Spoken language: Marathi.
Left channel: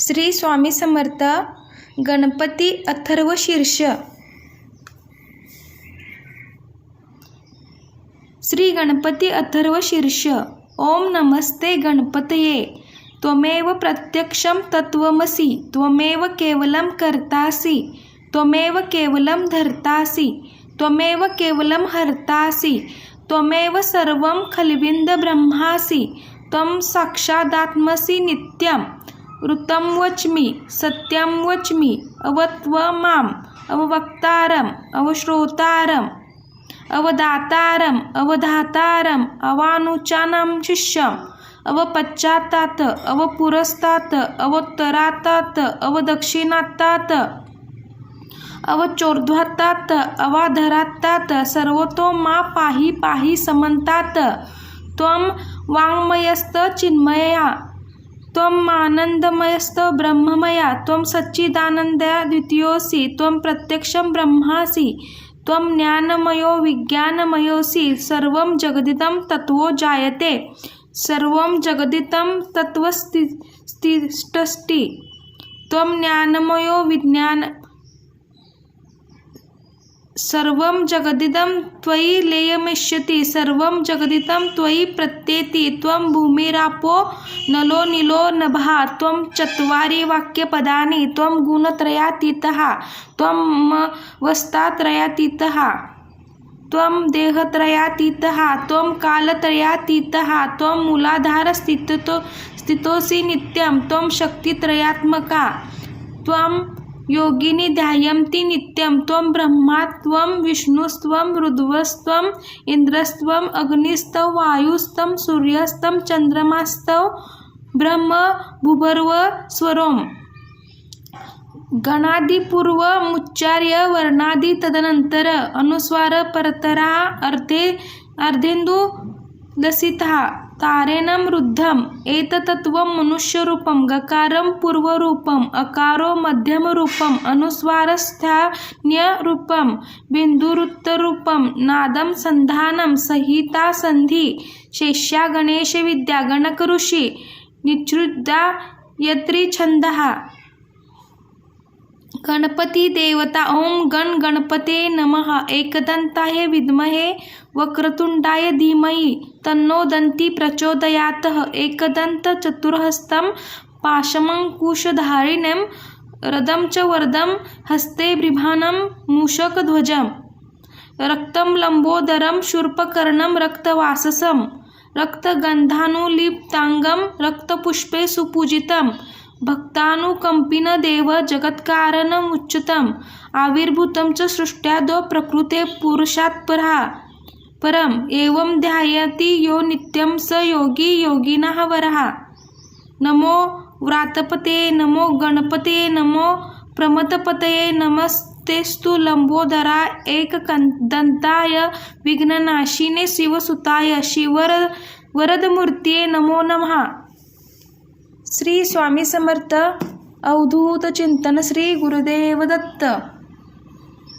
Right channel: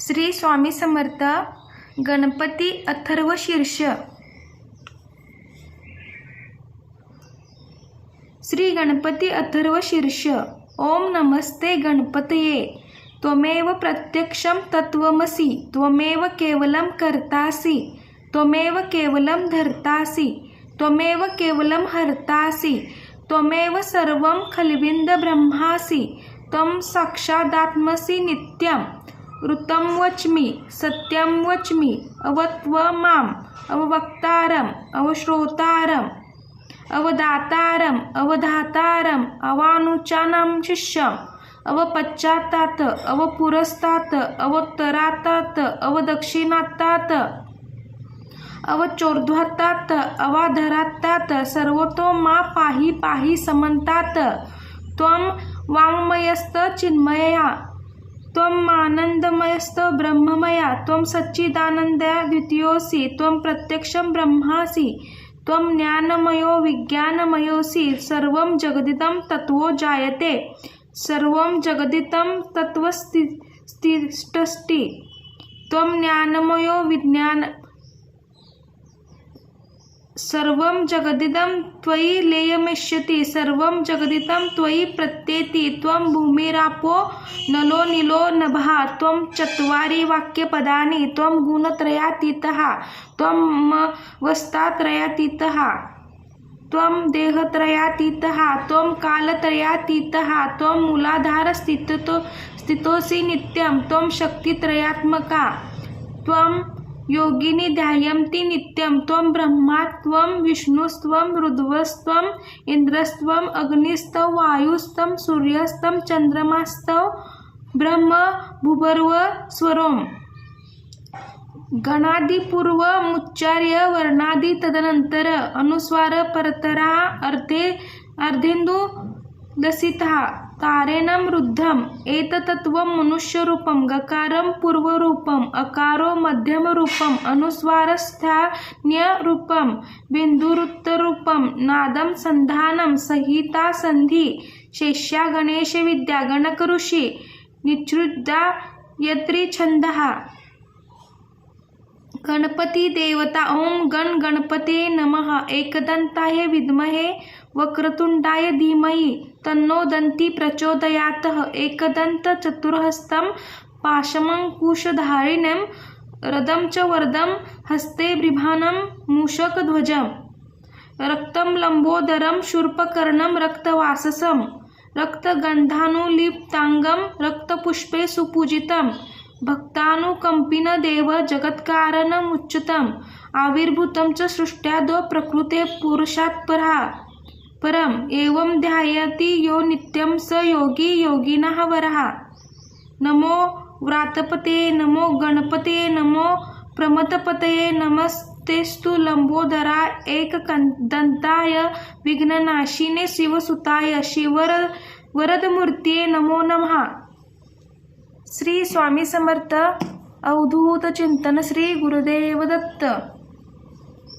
श्री स्वामी समर्थ. गणपती अथर्व शीर्ष. श्री गणपती अथर्व शीर्ष. ओम नमस्ते गणपतये. त्वमेव प्रत्यक्षं तत्त्वमसि. त्वमेव केवलं कर्तासि. त्वमेव केवलं धर्तासि. त्वमेव केवलं हर्तासि. त्वमेव सर्वं खल्विदं ब्रह्मासि. त्वं साक्षादात्मसि नित्यं. ऋतं वच्मि, सत्यं वच्मि. अवत्वमाम् अववक्तारम् अवश्रोतारम् अवदातारम् अवधातारम् अवानुचानं शिष्यम् अवपश्चात्तात् अवपुरस्तात् अवोत्तरात्तात् अवदक्षिणात्तात् अवचोर्ध्वात्तात् अवाधरात्तात् सर्वतो मा पाहि पाहि समन्तात्. त्वं वाङ्मयस्त चिन्मया. त्वं आनन्दमयस्त ब्रह्ममया. त्वं सच्चिदानन्दया द्वितीयोऽसि. त्वं प्रत्यक्षं ब्रह्मासि. त्वं ज्ञानमयो विज्ञानमयोऽसि. सर्वं जगदिदं तत्त्वो जायते. सर्वं जगदिदं तत्त्वस्तिष्ठति. त्वं ज्ञानमयो विज्ञान. सर्वं जगदिदं त्वयि लयमिष्यति. सर्वं जगदिदं त्वयि प्रत्येति. त्वं भूमिरापो नलो नीलो नभः. त्वं चत्वारि वाक्यपदानि. त्वं गुणत्रयातीतः. त्वं अवस्थात्रयातीतः. त्वं देहत्रयातीतः. त्वं कालत्रयातीतः. त्वं मूलाधारस्थितोऽसि नित्यं. त्वं शक्तित्रयात्मका. त्वं योगिनी ध्यायन्ति नित्यं. त्वं ब्रह्मा. त्वं विष्णुस्त्वं रुद्रस्त्वं इन्द्रस्त्वं अग्निस्त्वं वायुस्त्वं सूर्यस्त्वं चन्द्रमास्त्वं ब्रह्म भूर्भुव स्वरोम्. गणादिपूर्वमुच्चार्य वर्णादि तदनन्तर अनुस्वार परतरः अर्धेन्दु लसितः तारेणं रुद्धम्. एतत्त्वं मनुष्यरूपं. गकारं पूर्वरूपम्. अकारो मध्यमरूपम्. अनुस्वारस्थान्यरूपम्. बिन्दुरुत्तररूपं. नादं संधानं संहिता संधि. शेष्या गणेशविद्या गणकऋषि निच्छृद्या यत्रिछन्दः. गणपती देवता. ओम गण गणपते नमः. एकदंताय विद्महे वक्रतुंडाय धीमहि तन्नो दन्ती प्रचोदयात्. एकदंत चतुर्हस्तं पाशमंकुशधारिणं रदं च वरदं हस्ते बिभ्राणं मूषकध्वजं. रक्तं लंबोदरं शूर्पकर्णं रक्तवाससं. रक्तगन्धानुलिप्तांगं रक्तपुष्पे सुपूजितं. भक्तानुकंपिन देव जगत्कारणमुच्युतम्. आविर्भूतं च सृष्ट्यादौ प्रकृते पुरुषात् परम्. एवं ध्यायति यो नित्यं स योगी योगिनः वरः. नमो व्रातपते. नमो गणपते. नमो प्रमथपतये. नमस्तेस्तु लंबोदराय एकदंताय विघ्ननाशिने शिवसुताय वरदमूर्तये नमो नमः. श्री स्वामी समर्थ. अवधूत चिंतन. श्री गुरुदेव दत्त.